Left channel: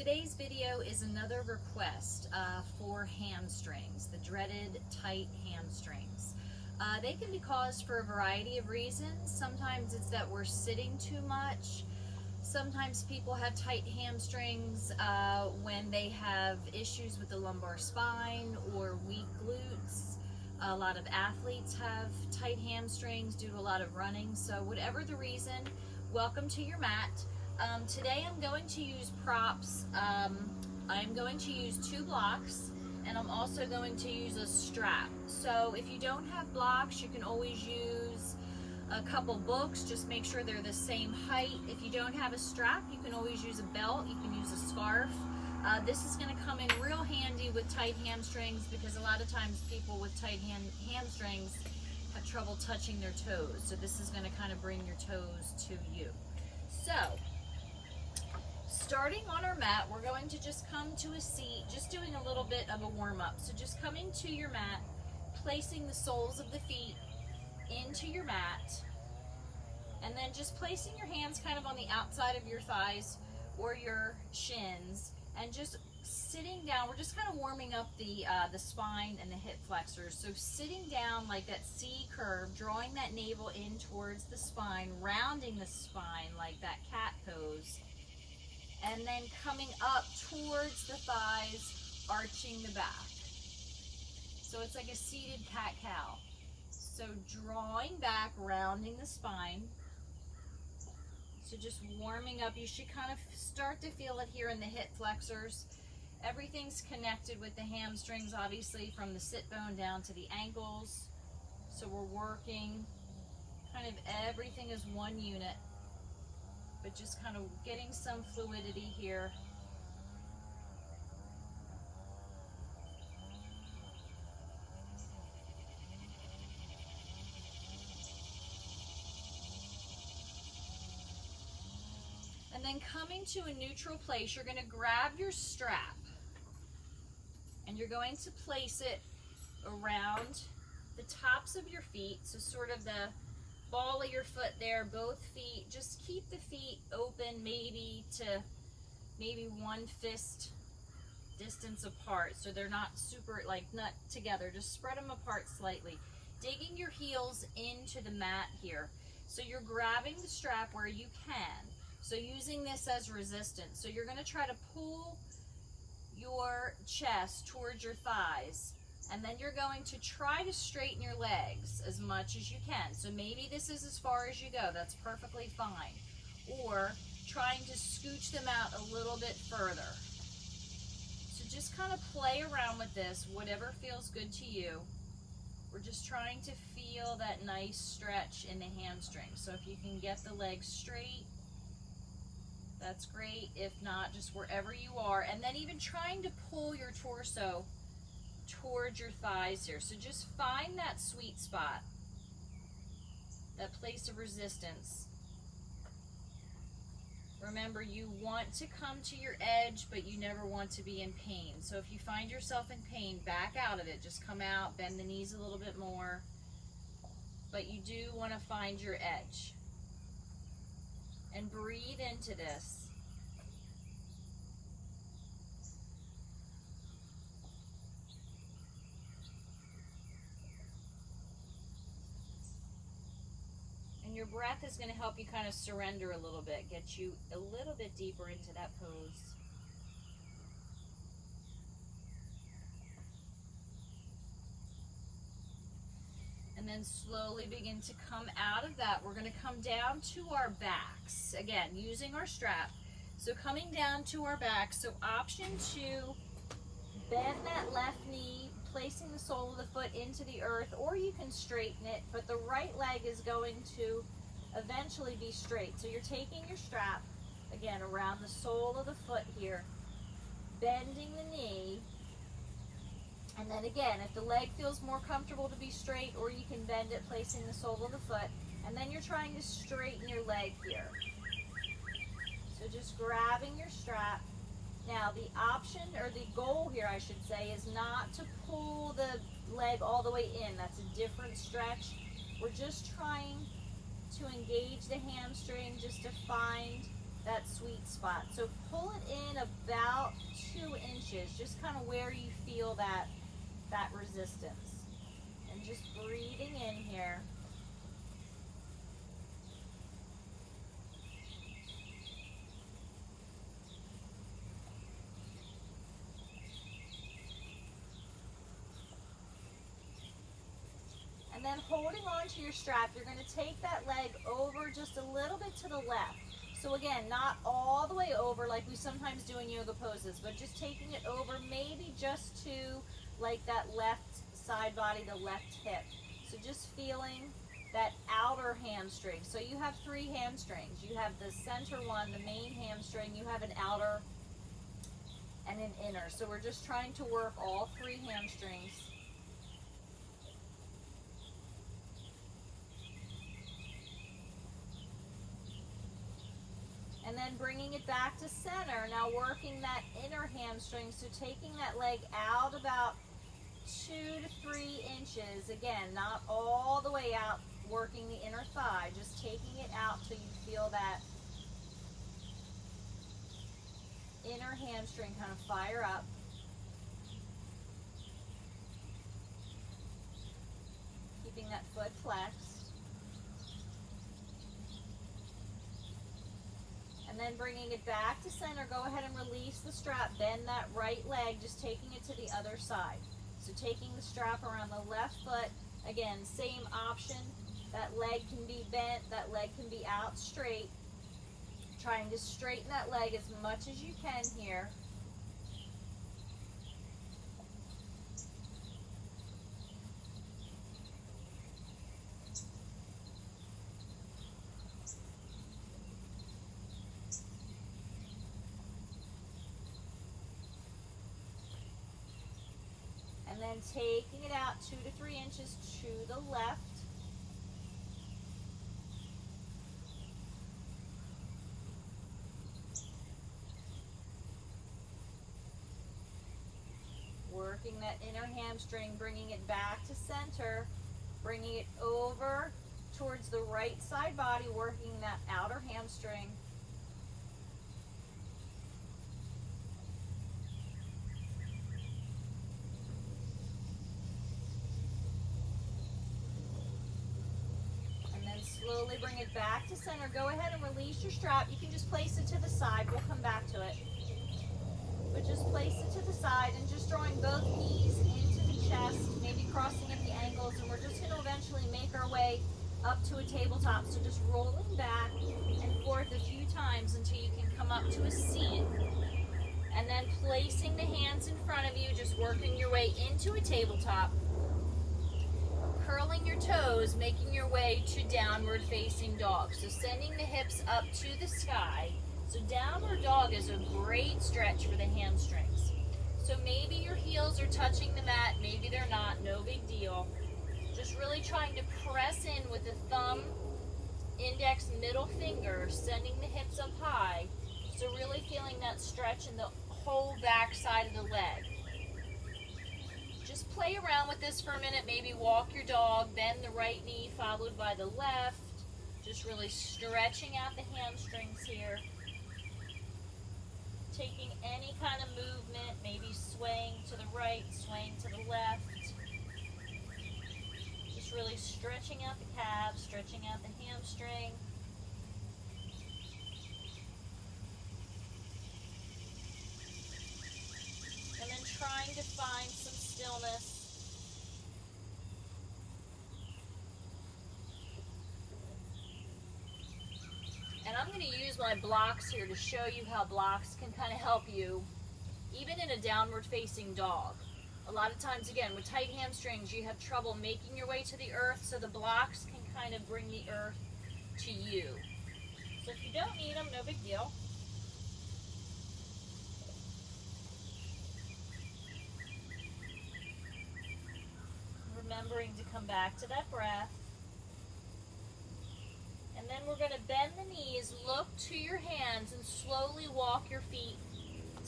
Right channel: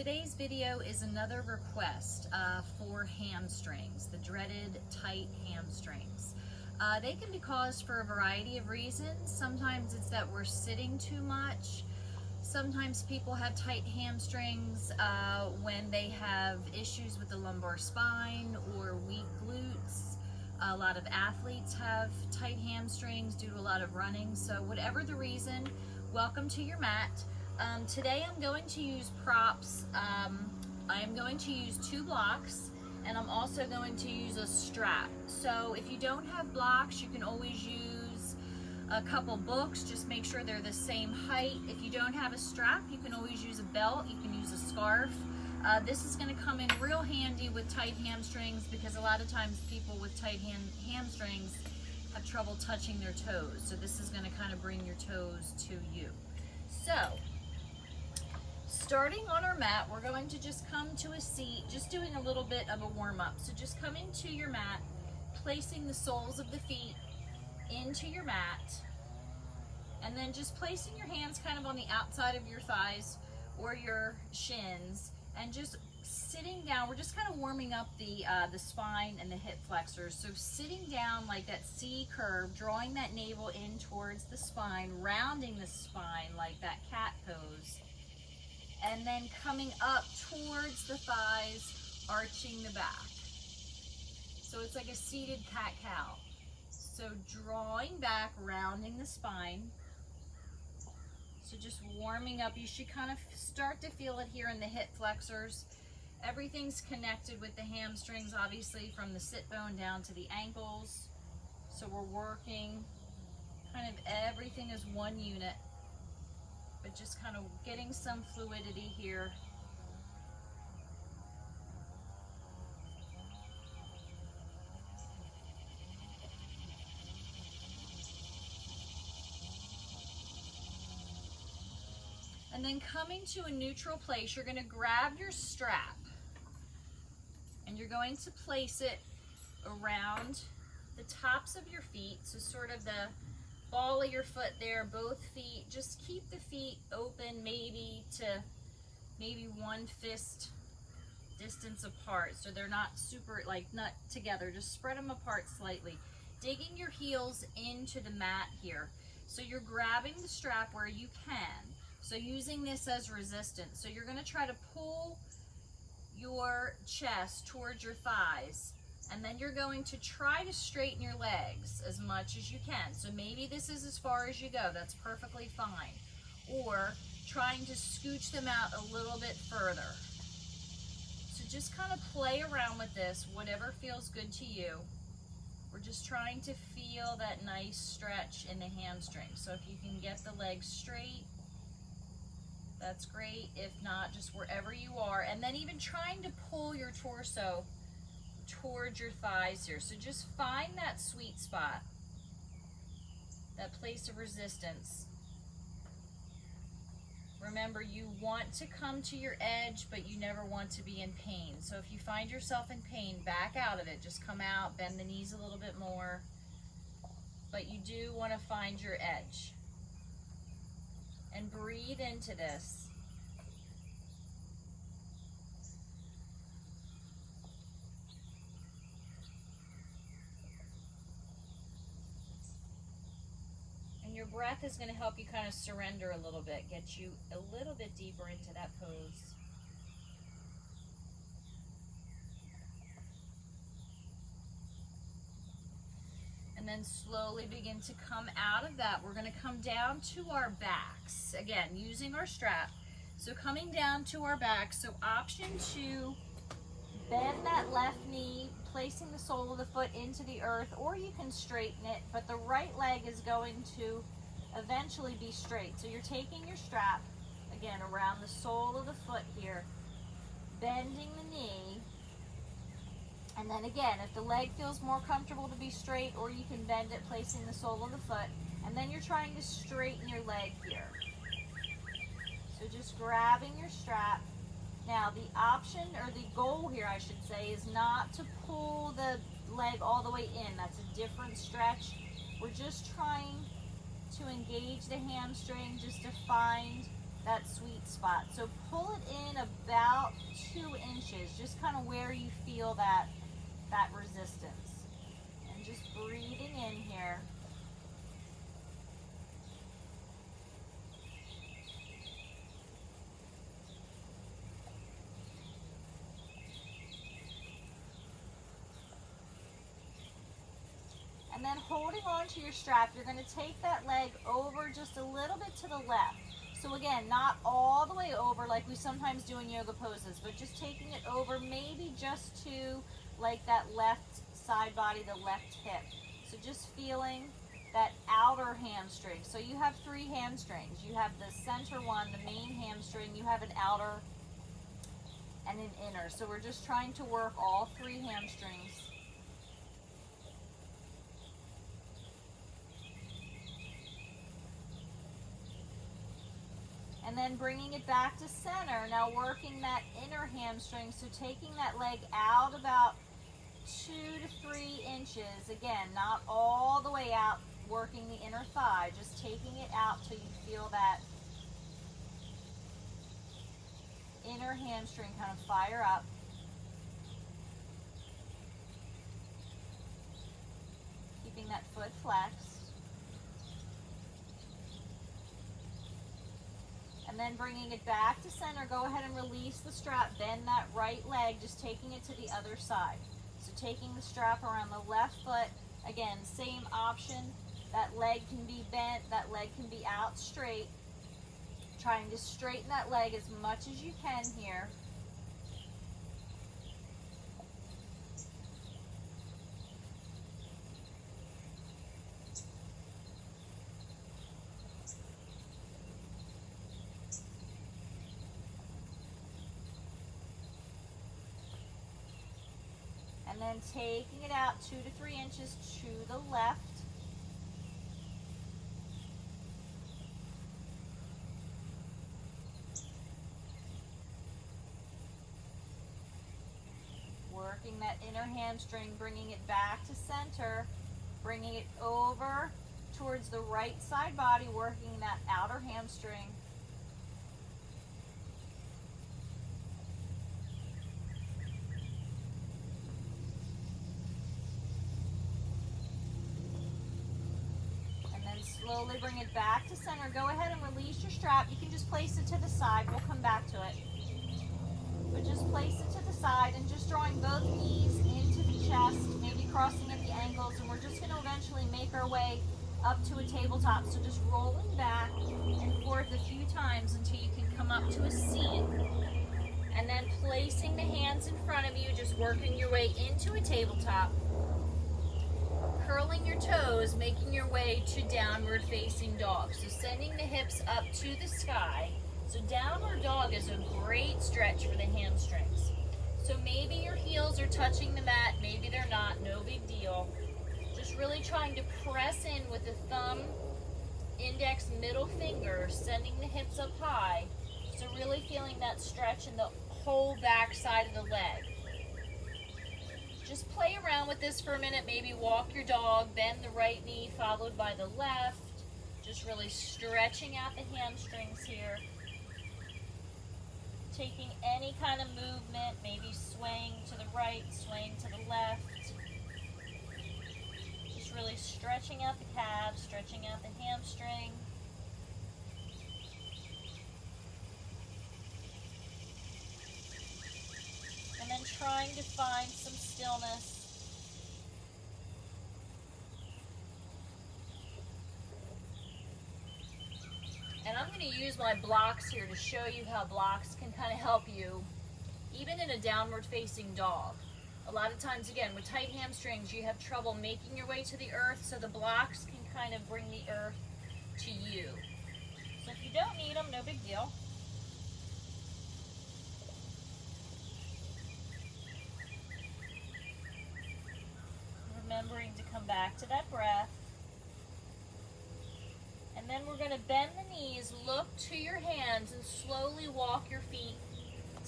Today's video is another request for hamstrings, the dreaded tight hamstrings. They can be caused for a variety of reasons. Sometimes it's that we're sitting too much. Sometimes people have tight hamstrings when they have issues with the lumbar spine or weak glutes. A lot of athletes have tight hamstrings due to a lot of running. So whatever the reason, welcome to your mat. Today I'm going to use props. I'm going to use 2 blocks, and I'm also going to use a strap. So if you don't have blocks, you can always use a couple books. Just make sure they're the same height. If you don't have a strap, you can always use a belt. You can use a scarf. This is going to come in real handy with tight hamstrings, because a lot of times people with tight hamstrings have trouble touching their toes. So this is going to kind of bring your toes to you. So starting on our mat, we're going to just come to a seat, just doing a little bit of a warm-up. So just coming to your mat, placing the soles of the feet into your mat, and then just placing your hands kind of on the outside of your thighs or your shins, and just sitting down. We're just kind of warming up the spine and the hip flexors. So sitting down like that C curve, drawing that navel in towards the spine, rounding the spine like that cat pose, and then coming up towards the thighs, arching the back. So it's like a seated cat-cow. So drawing back, rounding the spine. So just warming up. You should kind of start to feel it here in the hip flexors. Everything's connected with the hamstrings, obviously, from the sit bone down to the ankles. So we're working kind of everything as one unit, but just kind of getting some fluidity here. And then coming to a neutral place, you're going to grab your strap and you're going to place it around the tops of your feet. So sort of the ball of your foot there, both feet. Just keep the feet open, maybe 1 fist distance apart, so they're not super, like, not together. Just spread them apart slightly. Digging your heels into the mat here. So you're grabbing the strap where you can. So using this as resistance. So you're going to try to pull your chest towards your thighs, and then you're going to try to straighten your legs as much as you can. So maybe this is as far as you go. That's perfectly fine. Or trying to scooch them out a little bit further. So just kind of play around with this, whatever feels good to you. We're just trying to feel that nice stretch in the hamstring. So if you can get the legs straight, that's great. If not, just wherever you are. And then even trying to pull your torso towards your thighs here. So just find that sweet spot, that place of resistance. Remember, you want to come to your edge, but you never want to be in pain. So if you find yourself in pain, back out of it. Just come out, bend the knees a little bit more. But you do want to find your edge. And breathe into this. And your breath is going to help you kind of surrender a little bit, get you a little bit deeper into that pose. And then slowly begin to come out of that. We're going to come down to our backs. Again, using our strap. So coming down to our backs. So option 2, bend that left knee, placing the sole of the foot into the earth, or you can straighten it, but the right leg is going to eventually be straight. So you're taking your strap, again, around the sole of the foot here, bending the knee. And then again, if the leg feels more comfortable to be straight, or you can bend it, placing the sole of the foot. And then you're trying to straighten your leg here. So just grabbing your strap. Now the option, or the goal here I should say, is not to pull the leg all the way in. That's a different stretch. We're just trying to engage the hamstring, just to find that sweet spot. So pull it in about 2 inches, just kind of where you feel that resistance. And just breathing in here. And then holding on to your strap, you're going to take that leg over just a little bit to the left. So again, not all the way over like we sometimes do in yoga poses, but just taking it over maybe just to like that left side body, the left hip. So just feeling that outer hamstring. So you have 3 hamstrings. You have the center one, the main hamstring, you have an outer and an inner. So we're just trying to work all 3 hamstrings. And then bringing it back to center. Now working that inner hamstring, so taking that leg out about 2 to 3 inches. Again, not all the way out, working the inner thigh, just taking it out till you feel that inner hamstring kind of fire up. Keeping that foot flexed. And then bringing it back to center, go ahead and release the strap, bend that right leg, just taking it to the other side. So taking the strap around the left foot, again, same option, that leg can be bent, that leg can be out straight. Trying to straighten that leg as much as you can here. And then taking it out 2 to 3 inches to the left. Working that inner hamstring, bringing it back to center, bringing it over towards the right side body, working that outer hamstring. Slowly bring it back to center. Go ahead and release your strap. You can just place it to the side. We'll come back to it. But just place it to the side and just drawing both knees into the chest, maybe crossing at the ankles, and we're just going to eventually make our way up to a tabletop. So just rolling back and forth a few times until you can come up to a seat. And then placing the hands in front of you, just working your way into a tabletop. Curling your toes, making your way to downward facing dog. So sending the hips up to the sky. So downward dog is a great stretch for the hamstrings. So maybe your heels are touching the mat, maybe they're not, no big deal. Just really trying to press in with the thumb, index, middle finger, sending the hips up high. So really feeling that stretch in the whole back side of the leg. Just play around with this for a minute. Maybe walk your dog, bend the right knee followed by the left. Just really stretching out the hamstrings here. Taking any kind of movement, maybe swaying to the right, swaying to the left. Just really stretching out the calves, stretching out the hamstring. And then trying to find some stillness. And I'm going to use my blocks here to show you how blocks can kind of help you, even in a downward facing dog. A lot of times, again, with tight hamstrings, you have trouble making your way to the earth, so the blocks can kind of bring the earth to you. So if you don't need them, no big deal. Remembering to come back to that breath. And then we're going to bend the knees, look to your hands, and slowly walk your feet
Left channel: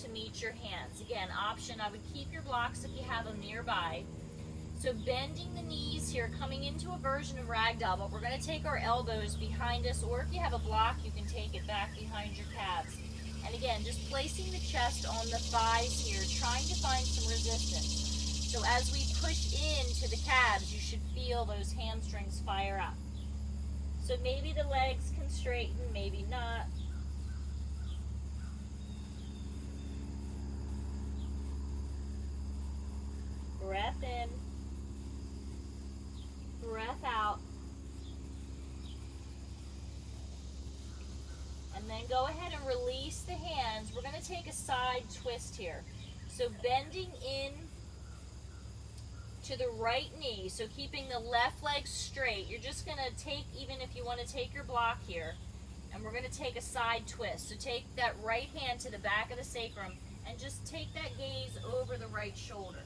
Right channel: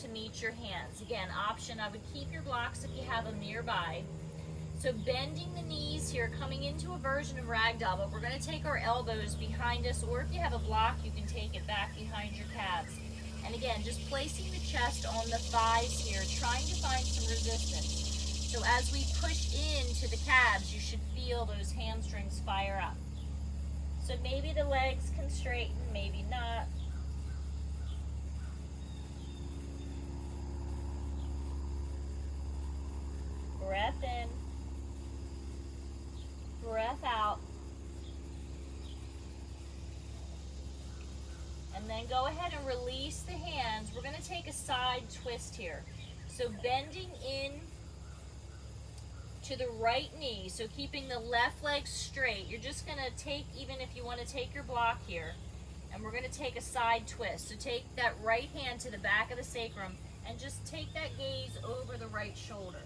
to meet your hands. Again, option, I would keep your blocks if you have them nearby. So bending the knees here, coming into a version of ragdoll, but we're going to take our elbows behind us, or if you have a block, you can take it back behind your calves. And again, just placing the chest on the thighs here, trying to find some resistance. So as we push into the calves, you should feel those hamstrings fire up. So maybe the legs can straighten, maybe not. Breath in. Breath out. And then go ahead and release the hands. We're going to take a side twist here. So bending in to the right knee. So keeping the left leg straight. You're just going to take, even if you want to take your block here, and we're going to take a side twist. So take that right hand to the back of the sacrum and just take that gaze over the right shoulder.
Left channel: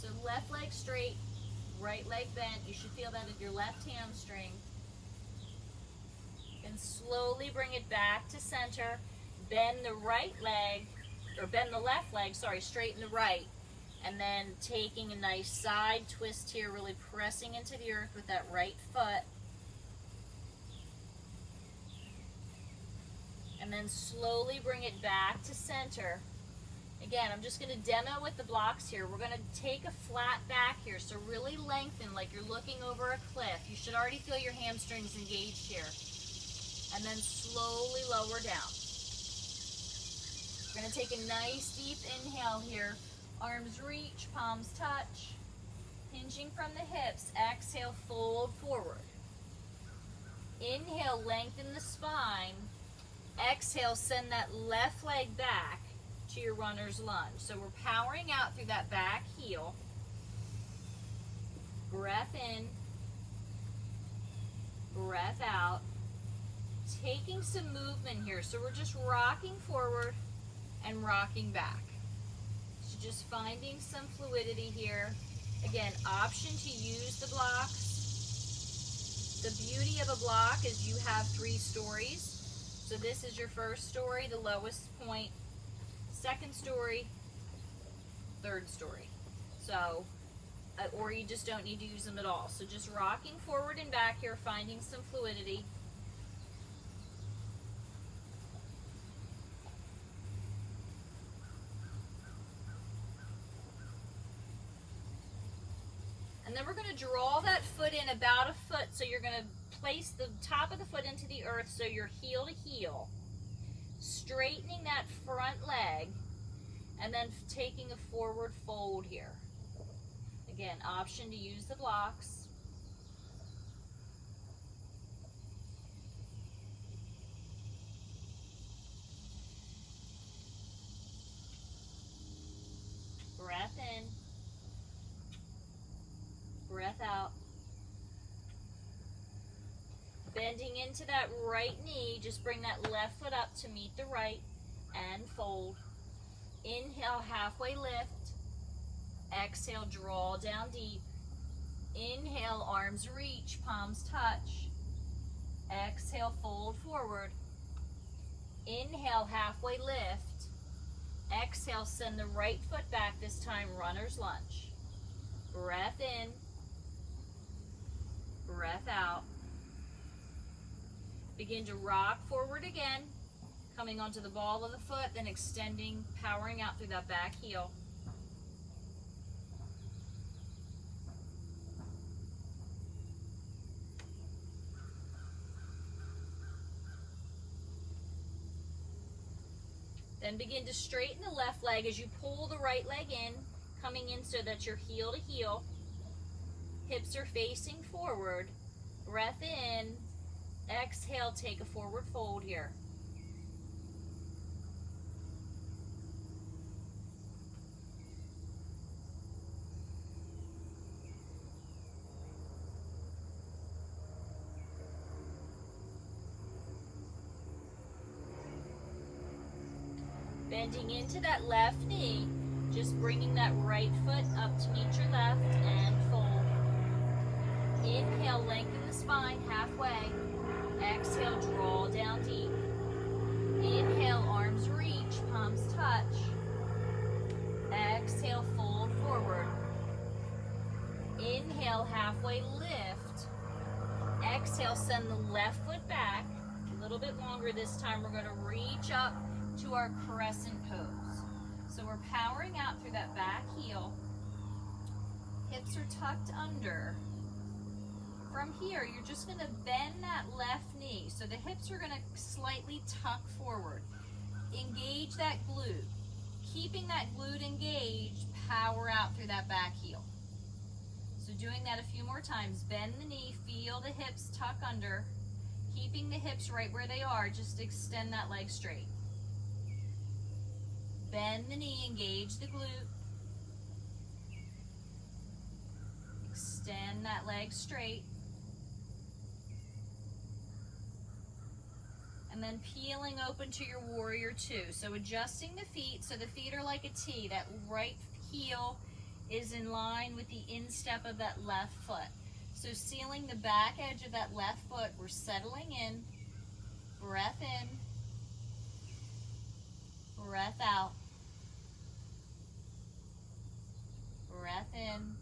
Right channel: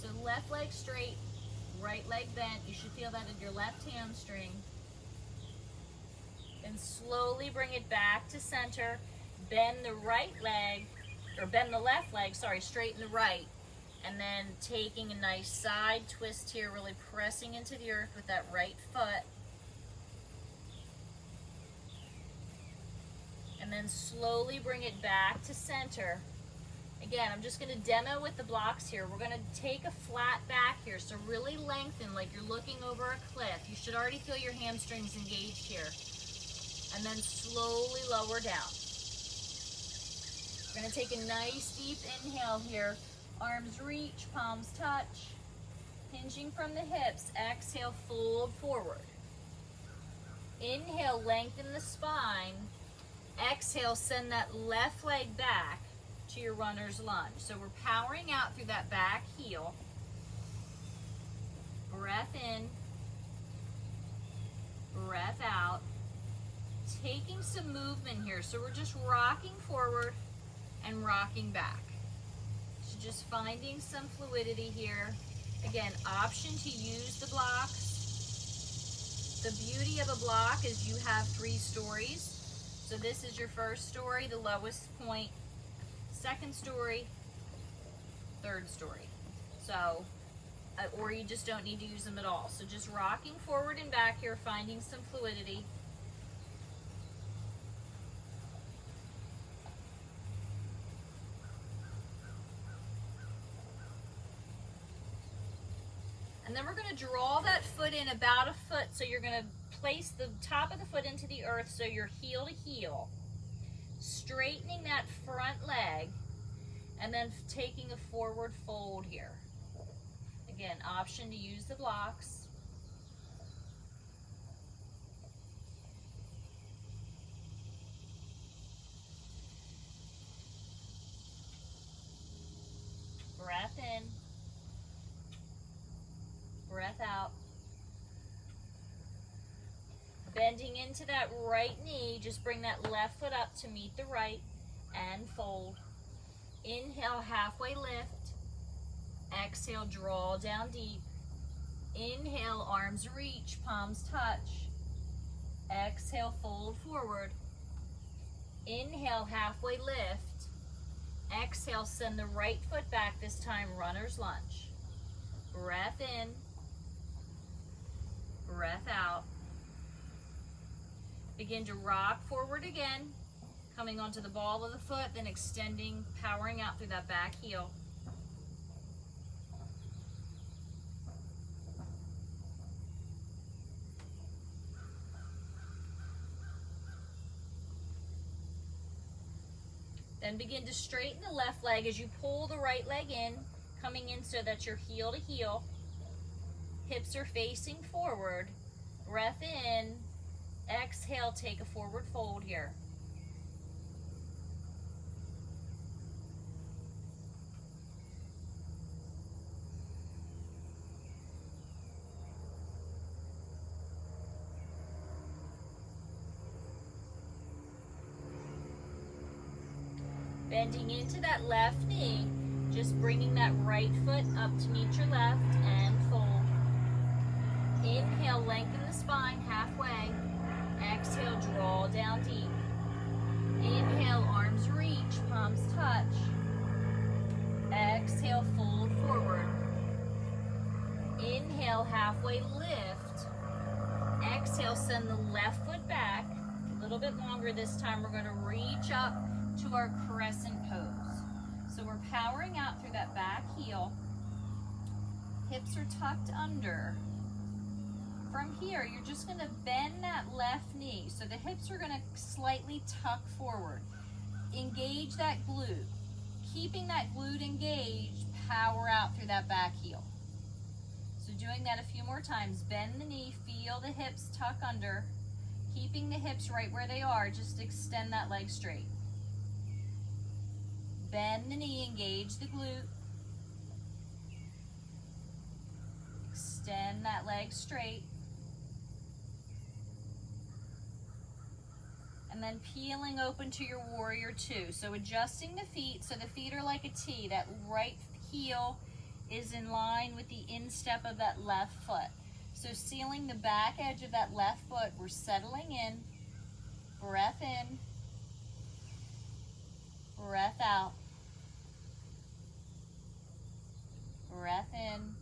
So left leg straight, right leg bent. You should feel that in your left hamstring. And slowly bring it back to center. Bend the right leg, or bend the left leg, sorry, straighten the right. And then taking a nice side twist here, really pressing into the earth with that right foot. And then slowly bring it back to center. Again, I'm just going to demo with the blocks here. We're going to take a flat back here, so really lengthen like you're looking over a cliff. You should already feel your hamstrings engaged here. And then slowly lower down. We're going to take a nice deep inhale here. Arms reach, palms touch. Hinging from the hips. Exhale, fold forward. Inhale, lengthen the spine. Exhale, send that left leg back to your runner's lunge. So we're powering out through that back heel. Breath in. Breath out. Taking some movement here. So we're just rocking forward and rocking back. So just finding some fluidity here. Again, option to use the blocks. The beauty of a block is you have 3 stories. So this is your first story, the lowest point, second story, third story. So, or you just don't need to use them at all. So just rocking forward and back here, finding some fluidity. And then we're going to draw that foot in about a foot. So you're going to place the top of the foot into the earth so you're heel to heel. Straightening that front leg. And then taking a forward fold here. Again, option to use the blocks. Breath in. Breath out. Bending into that right knee, just bring that left foot up to meet the right and fold. Inhale, halfway lift. Exhale, draw down deep. Inhale, arms reach, palms touch. Exhale, fold forward. Inhale, halfway lift. Exhale, send the right foot back, this time runner's lunge. Breath in. Breath out. Begin to rock forward again, coming onto the ball of the foot, then extending, powering out through that back heel. Then begin to straighten the left leg as you pull the right leg in, coming in so that you're heel to heel. Hips are facing forward. Breath in. Exhale, take a forward fold here. Bending into that left knee, just bringing that right foot up to meet your left and fold. Inhale, lengthen the spine halfway. Exhale, draw down deep. Inhale, arms reach, palms touch. Exhale, fold forward. bit longer this time. We're going to reach up to our crescent pose. So we're powering out through that back heel. Hips are tucked under. From here, you're just going to bend that left knee. So the hips are going to slightly tuck forward. Engage that glute. Keeping that glute engaged, power out through that back heel. So doing that a few more times. Bend the knee, feel the hips tuck under. Keeping the hips right where they are, just extend that leg straight. Bend the knee, engage the glute. Extend that leg straight. And then peeling open to your warrior two. So adjusting the feet, so the feet are like a T. That right heel is in line with the instep of that left foot. So sealing the back edge of that left foot, we're settling in. Breath in. Breath out. Breath in.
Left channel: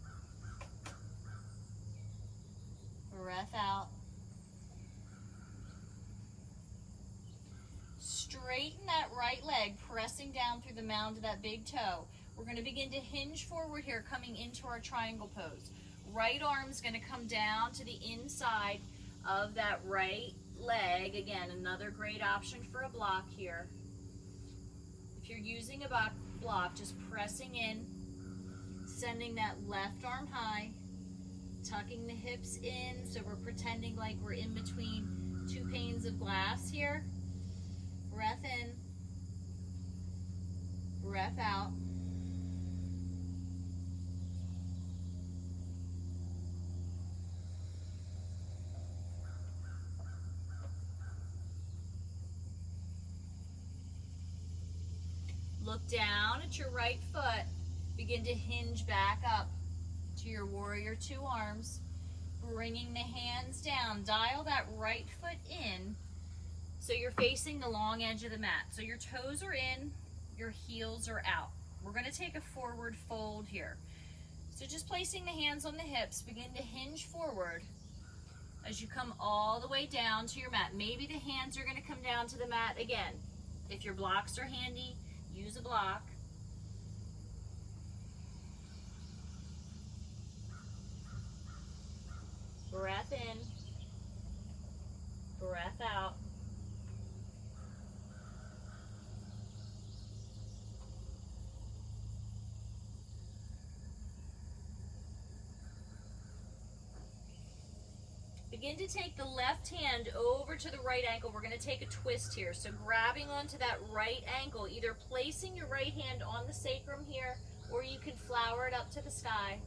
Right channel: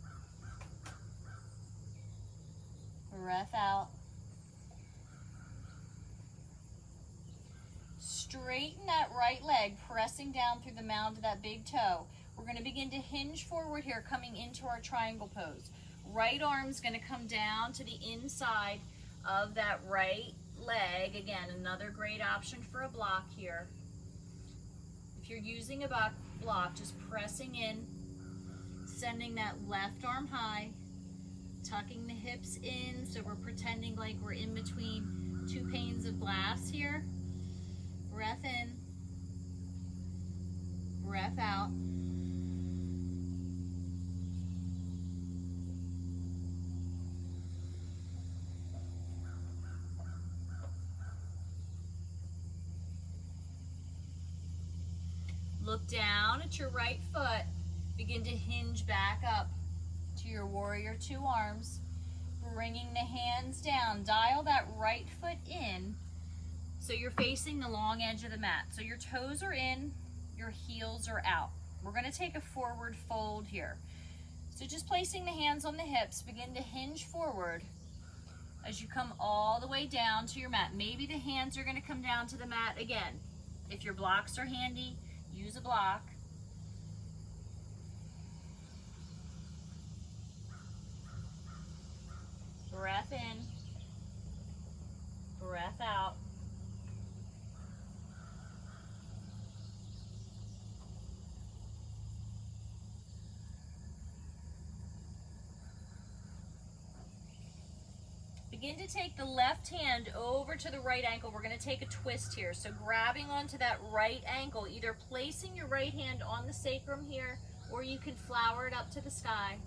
Breath out. Straighten that right leg, pressing down through the mound of that big toe. We're going to begin to hinge forward here, coming into our triangle pose. Right arm's going to come down to the inside of that right leg. Again, another great option for a block here. If you're using a block, just pressing in, sending that left arm high, tucking the hips in, so we're pretending like we're in between two panes of glass here. Breath in, breath out. Look down at your right foot. Begin to hinge back up to your warrior two arms. Bringing the hands down. Dial that right foot in so you're facing the long edge of the mat. So your toes are in, your heels are out. We're going to take a forward fold here. So just placing the hands on the hips, begin to hinge forward as you come all the way down to your mat. Maybe the hands are going to come down to the mat again. If your blocks are handy, use a block. Breath in, breath out. Begin to take the left hand over to the right ankle. We're going to take a twist here. So grabbing onto that right ankle, either placing your right hand on the sacrum here, or you can flower it up to the sky.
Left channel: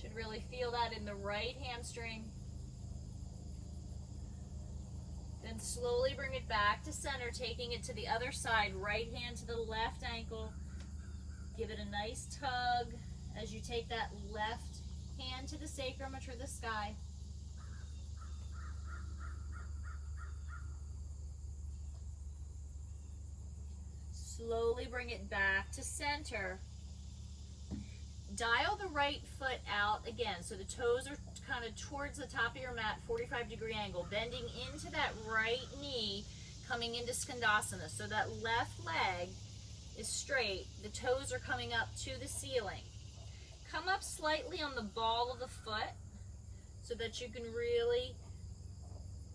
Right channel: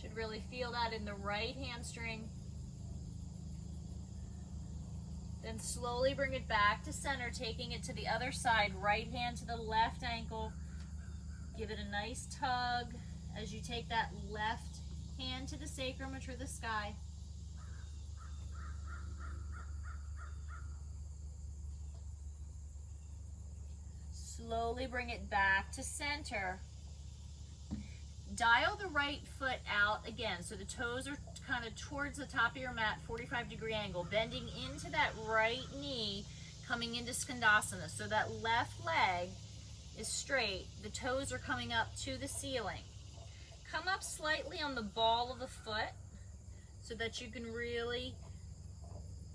Should really feel that in the right hamstring. Then slowly bring it back to center, taking it to the other side. Right hand to the left ankle. Give it a nice tug as you take that left hand to the sacrum or to the sky. Slowly bring it back to center. Dial the right foot out again, so the toes are kind of towards the top of your mat, 45-degree angle, bending into that right knee, coming into Skandasana. So that left leg is straight, the toes are coming up to the ceiling. Come up slightly on the ball of the foot so that you can really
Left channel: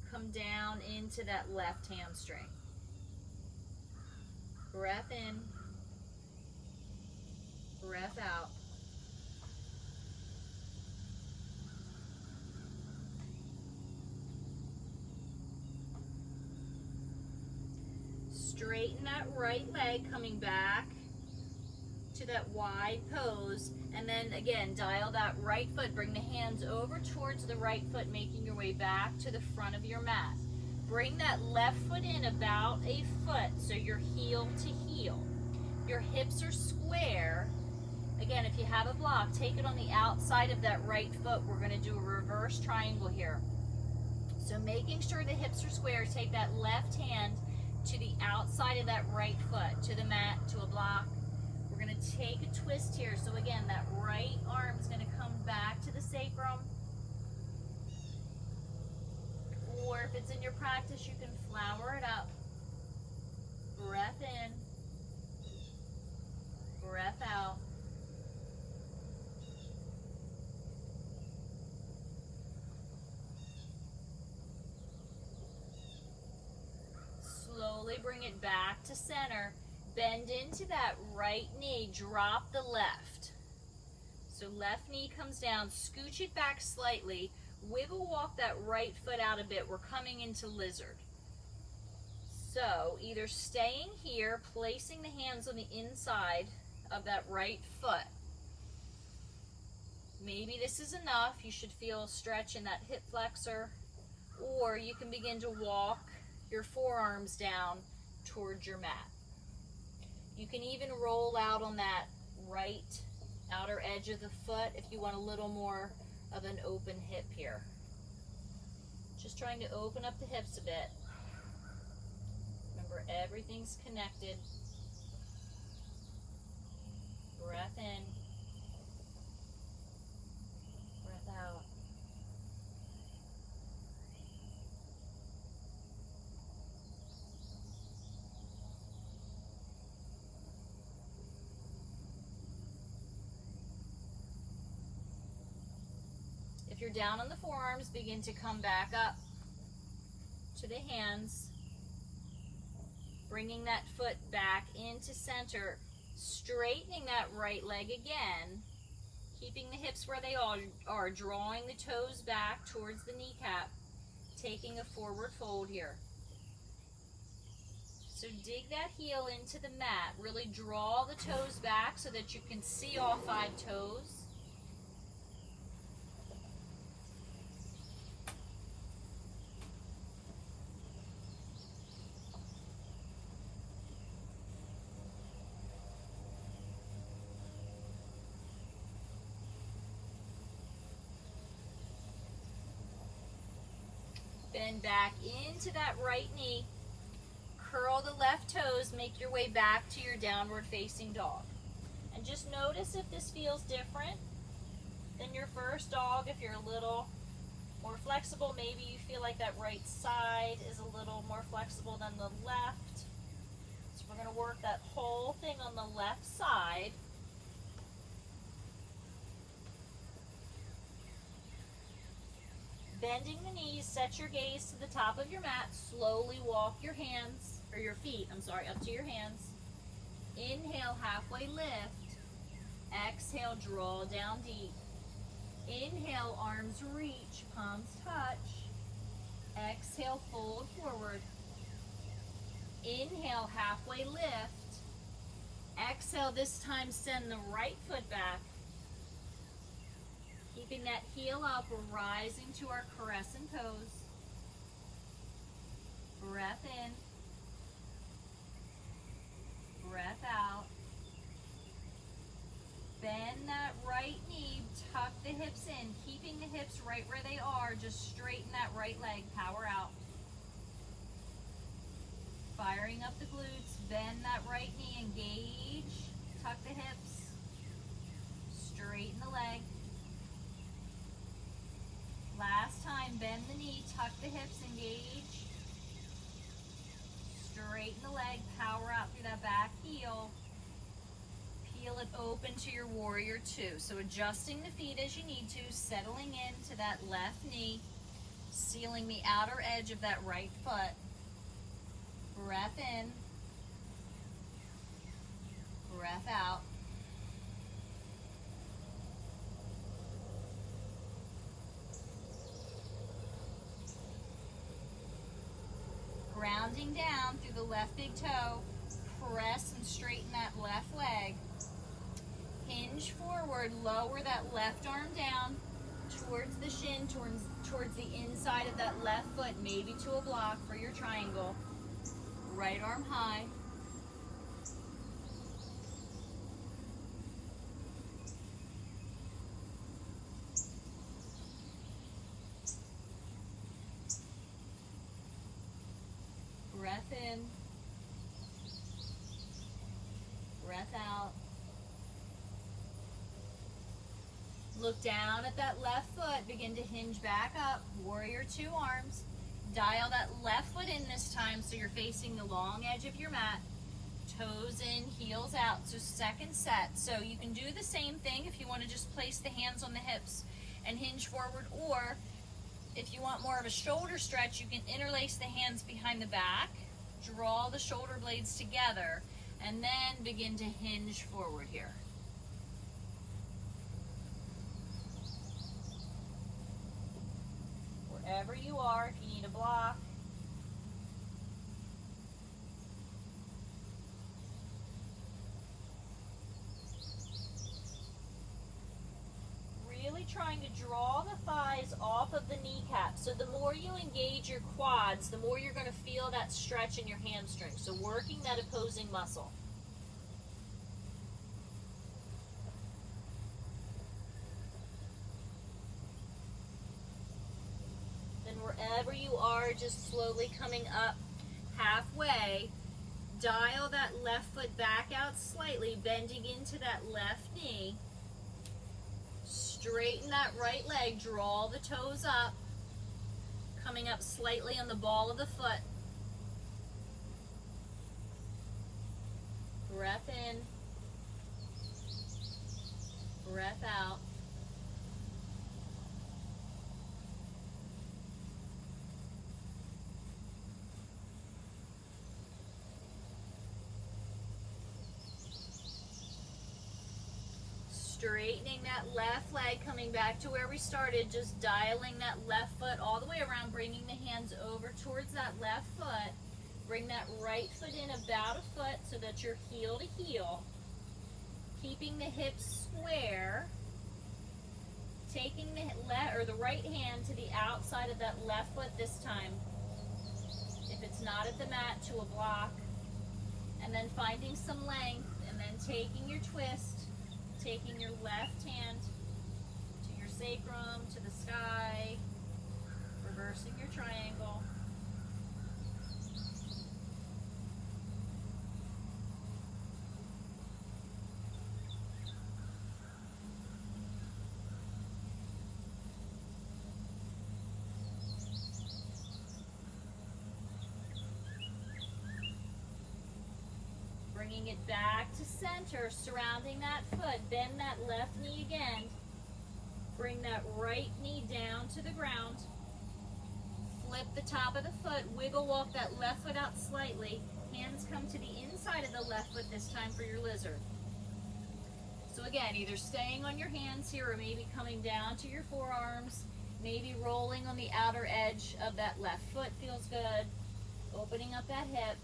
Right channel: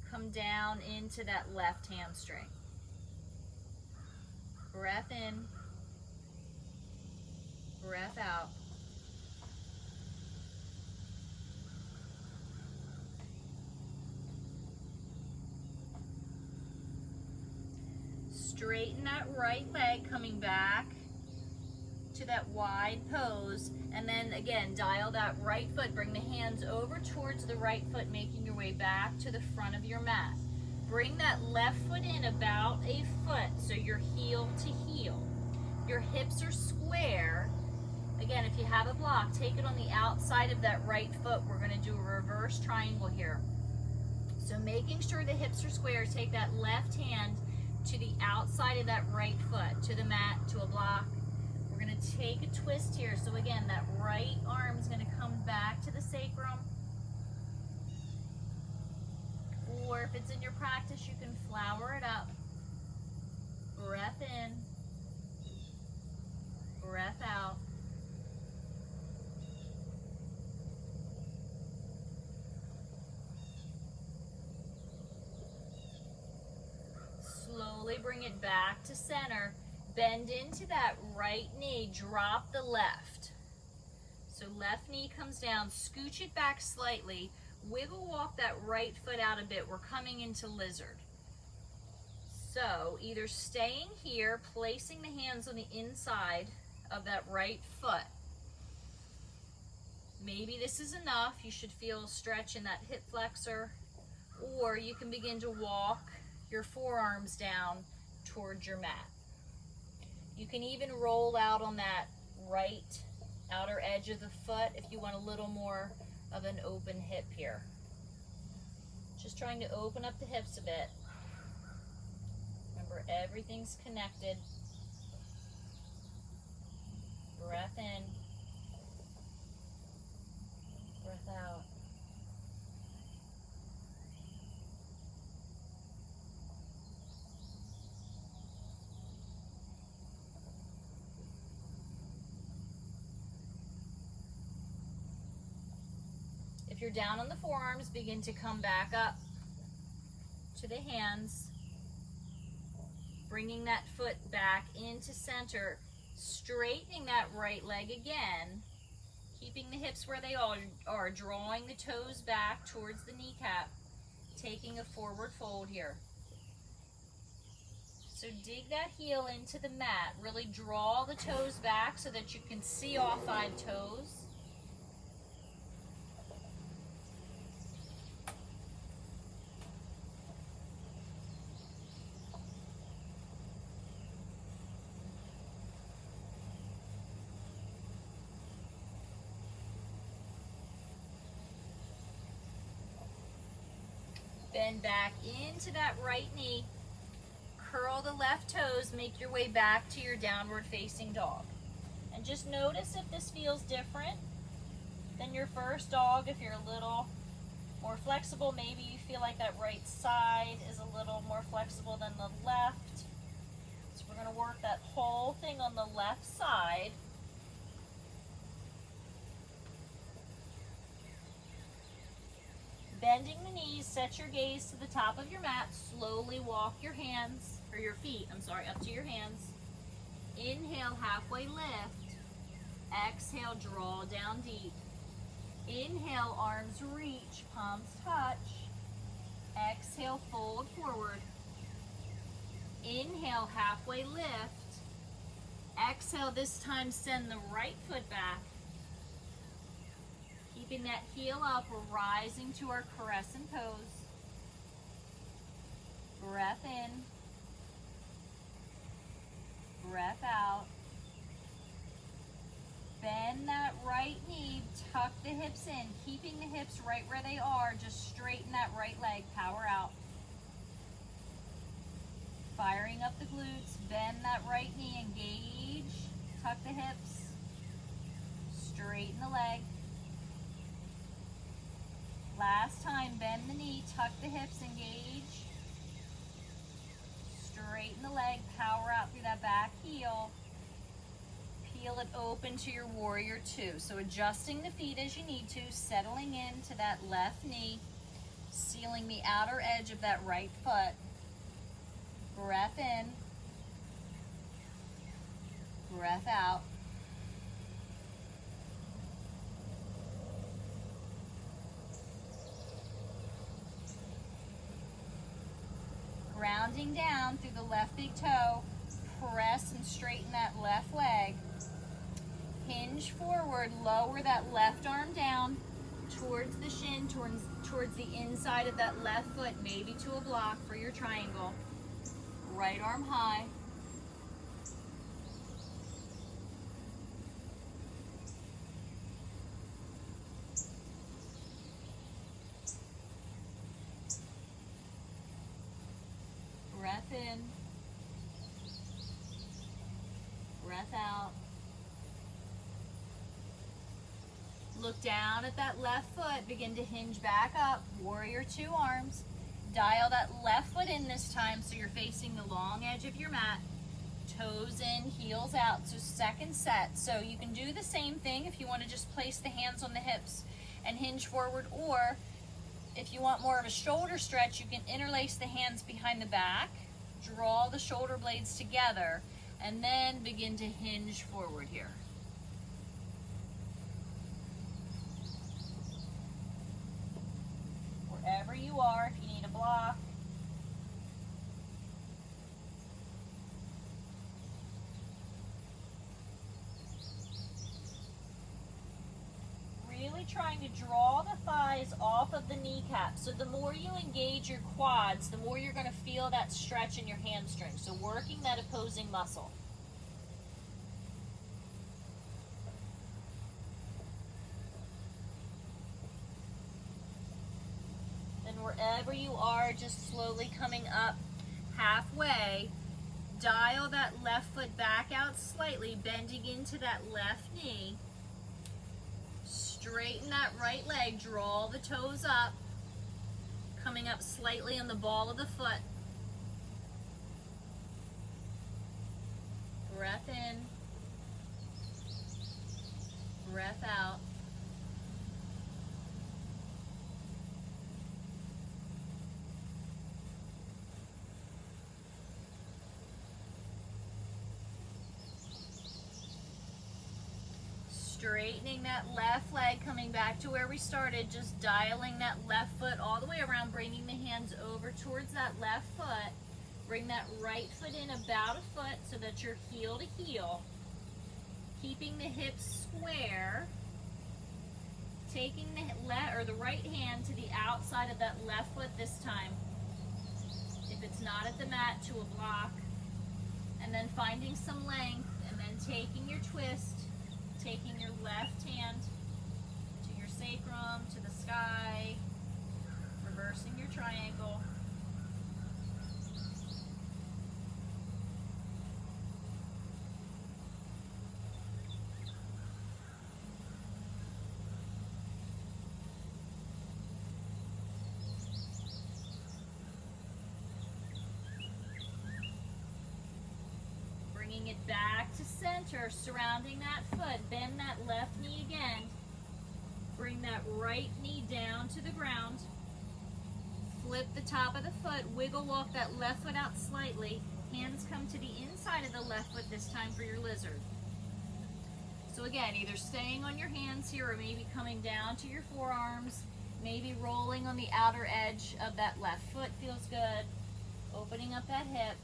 come down into that left hamstring. Breath in, breath out. Straighten that right leg, coming back to that wide pose, and then again dial that right foot, bring the hands over towards the right foot, making your way back to the front of your mat. Bring that left foot in about a foot, so you're heel to heel. Your hips are square. Again, if you have a block, take it on the outside of that right foot. We're going to do a reverse triangle here. So making sure the hips are square, take that left hand to the outside of that right foot, to the mat, to a block. We're going to take a twist here. So again, that right arm is going to come back to the sacrum. or if it's in your practice, you can flower it up. Breath in, breath out. Slowly bring it back to center. Bend into that right knee, drop the left. So left knee comes down, scooch it back slightly, wiggle walk that right foot out a bit. We're coming into lizard. So either staying here, placing the hands on the inside of that right foot. Maybe this is enough. You should feel a stretch in that hip flexor, or you can begin to walk your forearms down towards your mat. You can even roll out on that right outer edge of the foot if you want a little more of an open hip here. Just trying to open up the hips a bit. Remember, everything's connected. Breath in, breath out. If you're down on the forearms, begin to come back up to the hands, bringing that foot back into center, straightening that right leg again, keeping the hips where they are, drawing the toes back towards the kneecap, taking a forward fold here. So dig that heel into the mat, really draw the toes back so that you can see all 5 toes. Bend back into that right knee. Curl the left toes. Make your way back to your downward facing dog. And just notice if this feels different than your first dog. If you're a little more flexible, maybe you feel like that right side is a little more flexible than the left. So we're going to work that whole thing on the left side. Bending the knees, set your gaze to the top of your mat. Slowly walk your hands, or your feet, up to your hands. Inhale, halfway lift. Exhale, draw down deep. Inhale, arms reach, palms touch. Exhale, fold forward. Inhale, halfway lift. Exhale, this time send the right foot back. Keeping that heel up, we're rising to our crescent pose. Breath in. Breath out. Bend that right knee, tuck the hips in, keeping the hips right where they are. Just straighten that right leg, power out. Firing up the glutes, bend that right knee, engage, tuck the hips, straighten the leg. Last time, bend the knee, tuck the hips, engage. Straighten the leg, power out through that back heel. Peel it open to your warrior 2. So adjusting the feet as you need to, settling into that left knee, sealing the outer edge of that right foot. Breath in. Breath out. Grounding down through the left big toe, press and straighten that left leg. Hinge forward, lower that left arm down towards the shin, towards the inside of that left foot, maybe to a block for your triangle. Right arm high. Breath in, breath out. Look down at that left foot, begin to hinge back up, warrior 2 arms. Dial that left foot in this time so you're facing the long edge of your mat. Toes in, heels out. So second set. So you can do the same thing if you want to just place the hands on the hips and hinge forward, or if you want more of a shoulder stretch, you can interlace the hands behind the back, draw the shoulder blades together, and then begin to hinge forward here. Wherever you are, if you need a block. Really trying to draw the thighs off of the kneecaps. So the more you engage your quads, the more you're going to feel that stretch in your hamstrings. So working that opposing muscle. Then wherever you are, just slowly coming up halfway, dial that left foot back out slightly, bending into that left knee. Straighten that right leg, draw the toes up, coming up slightly on the ball of the foot. Breath in, breath out. Straightening that left leg, coming back to where we started, just dialing that left foot all the way around, bringing the hands over towards that left foot. Bring that right foot in about a foot so that you're heel to heel. Keeping the hips square. Taking the right hand to the outside of that left foot this time. If it's not at the mat, to a block. And then finding some length, and then taking your twist. Taking your left hand to your sacrum, to the sky, reversing your triangle. Bringing it back to center, surrounding that foot. Bend that left knee again. Bring that right knee down to the ground. Flip the top of the foot. Wiggle walk that left foot out slightly. Hands come to the inside of the left foot this time for your lizard. So again, either staying on your hands here or maybe coming down to your forearms. Maybe rolling on the outer edge of that left foot feels good. Opening up that hip.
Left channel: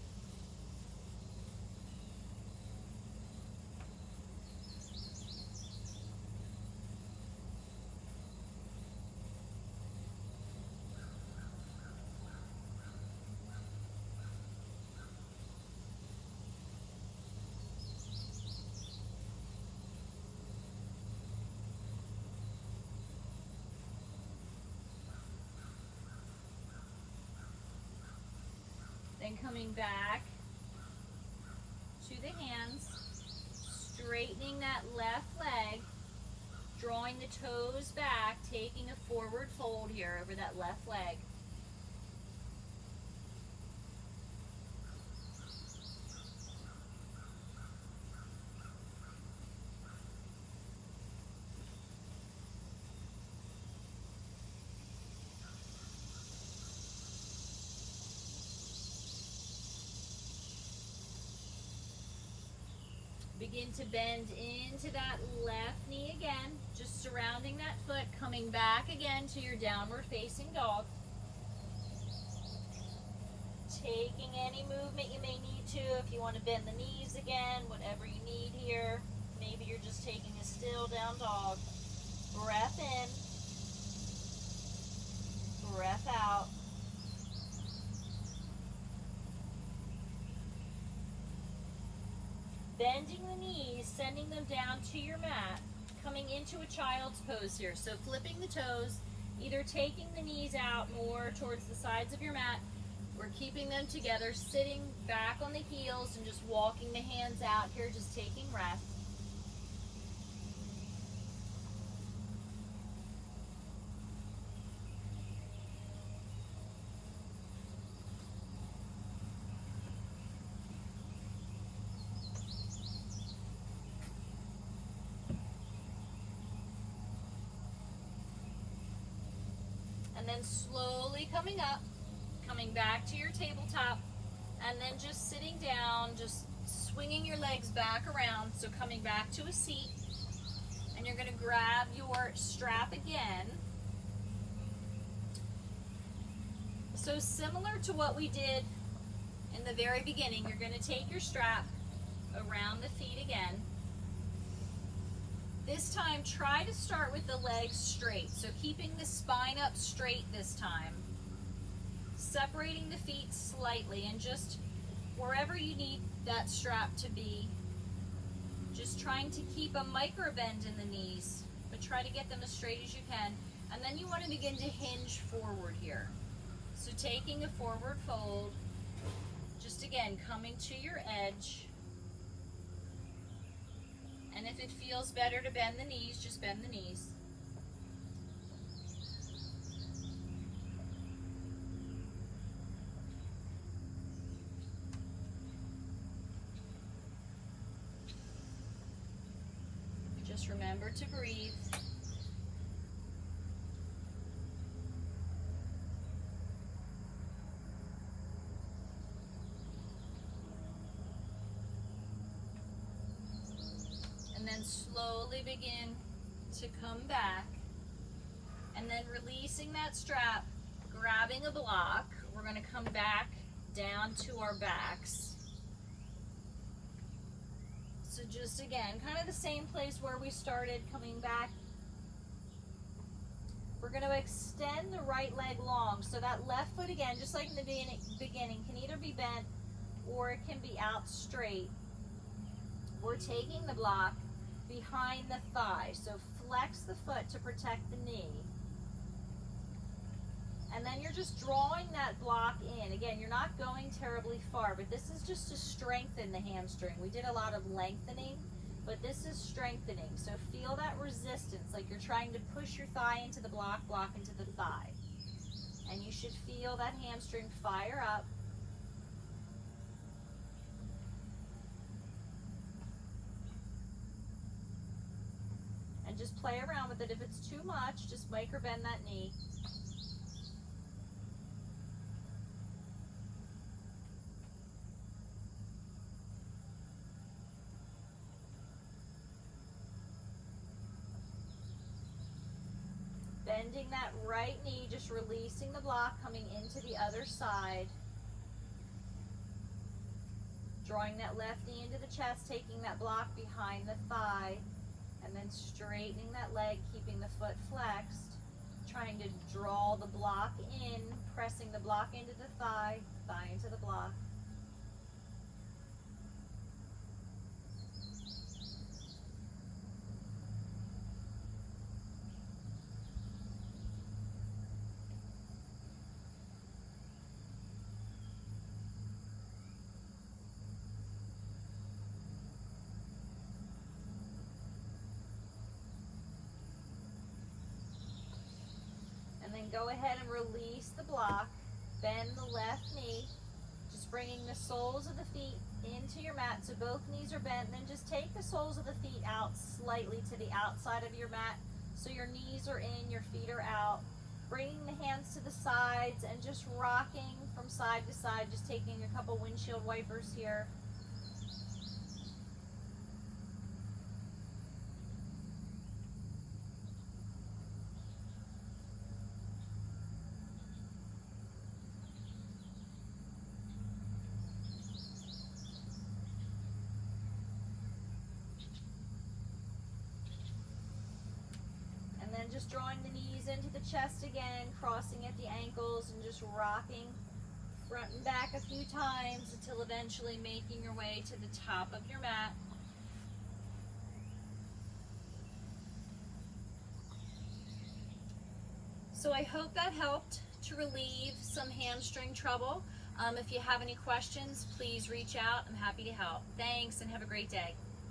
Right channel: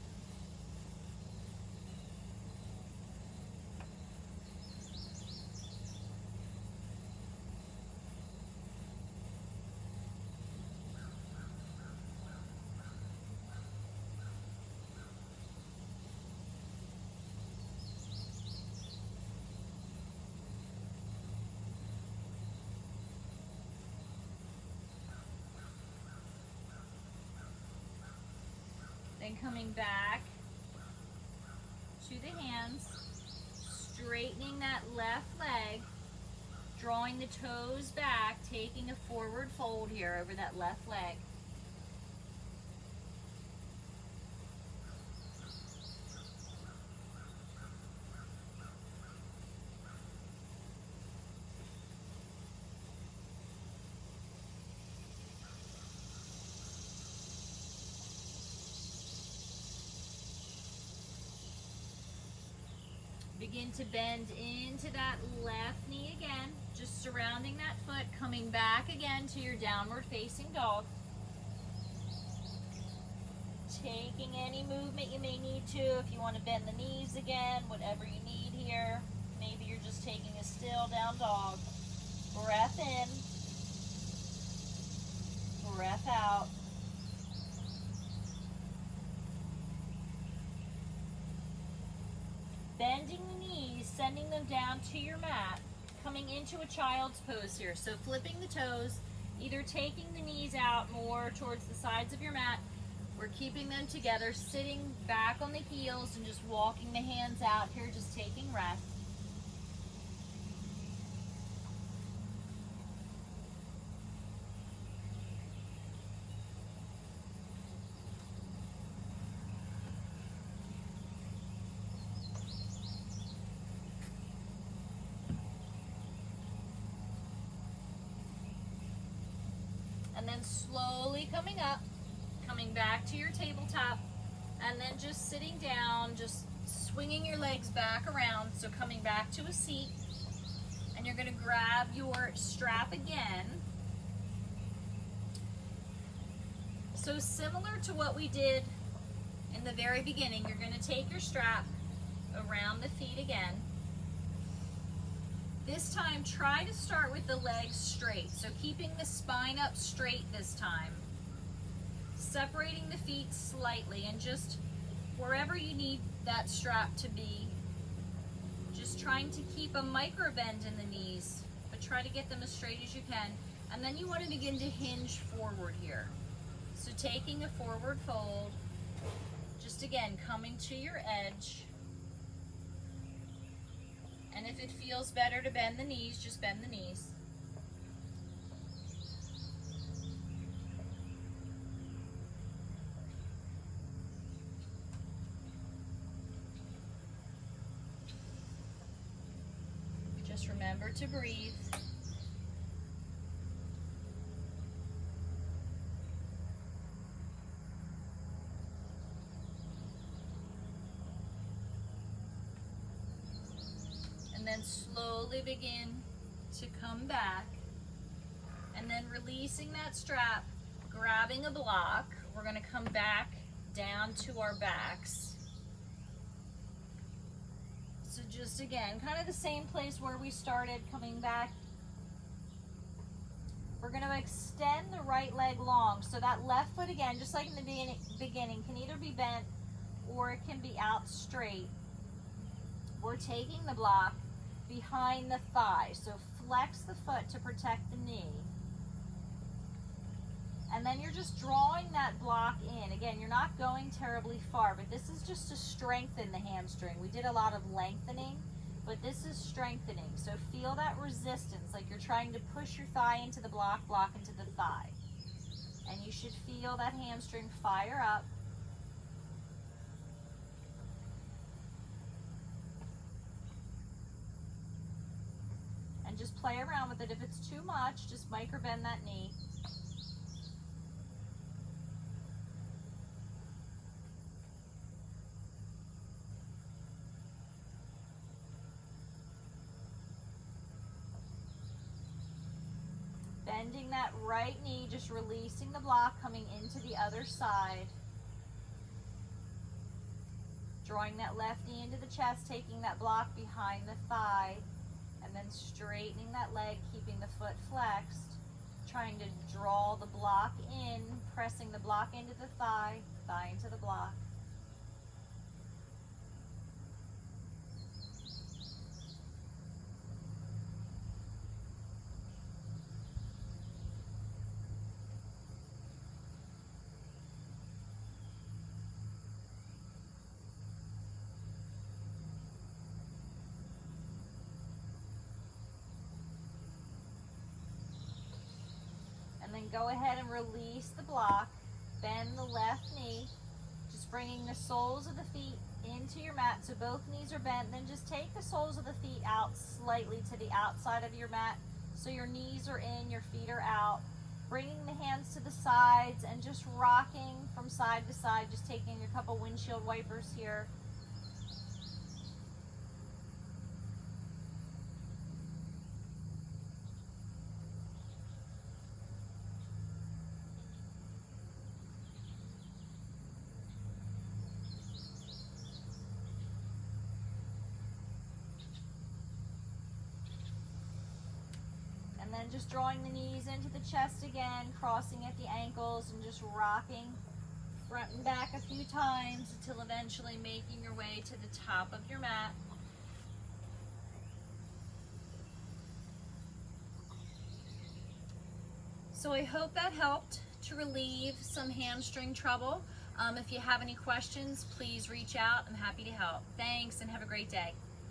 Then coming back to the hands, straightening that left leg, drawing the toes back, taking a forward fold here over that left leg. Begin to bend into that left knee again, just surrounding that foot, coming back again to your downward facing dog. Taking any movement you may need to, if you want to bend the knees again, whatever you need here. Maybe you're just taking a still down dog. Breath in, breath out. Bending the knees, sending them down to your mat, coming into a child's pose here. So flipping the toes, either taking the knees out more towards the sides of your mat, or keeping them together, sitting back on the heels and just walking the hands out here, just taking rest. then slowly coming up, coming back to your tabletop, and then just sitting down, just swinging your legs back around. So coming back to a seat, and you're going to grab your strap again. So similar to what we did in the very beginning, you're going to take your strap around the feet again. This time, try to start with the legs straight. So keeping the spine up straight this time. Separating the feet slightly, and just wherever you need that strap to be, just trying to keep a micro bend in the knees, but try to get them as straight as you can. And then you want to begin to hinge forward here. So taking a forward fold, just again coming to your edge. And if it feels better to bend the knees, just bend the knees. Just remember to breathe. And then slowly begin to come back, and then releasing that strap, grabbing a block. We're going to come back down to our backs. So just again, kind of the same place where we started, coming back. We're going to extend the right leg long. So that left foot, again, just like in the beginning, can either be bent or it can be out straight. We're taking the block behind the thigh. So flex the foot to protect the knee. And then you're just drawing that block in. Again, you're not going terribly far, but this is just to strengthen the hamstring. We did a lot of lengthening, but this is strengthening. So feel that resistance, like you're trying to push your thigh into the block, block into the thigh. And you should feel that hamstring fire up. And just play around with it. If it's too much, just micro bend that knee. Bending that right knee, just releasing the block, coming into the other side. Drawing that left knee into the chest, taking that block behind the thigh, and then straightening that leg, keeping the foot flexed. Trying to draw the block in, pressing the block into the thigh, thigh into the block. And then go ahead and release the block, bend the left knee, just bringing the soles of the feet into your mat. So both knees are bent, then just take the soles of the feet out slightly to the outside of your mat. So your knees are in, your feet are out. Bringing the hands to the sides and just rocking from side to side, just taking a couple windshield wipers here. Just drawing the knees into the chest again, crossing at the ankles, and just rocking front and back a few times until eventually making your way to the top of your mat. So I hope that helped to relieve some hamstring trouble. If you have any questions, please reach out. I'm happy to help. Thanks, and have a great day.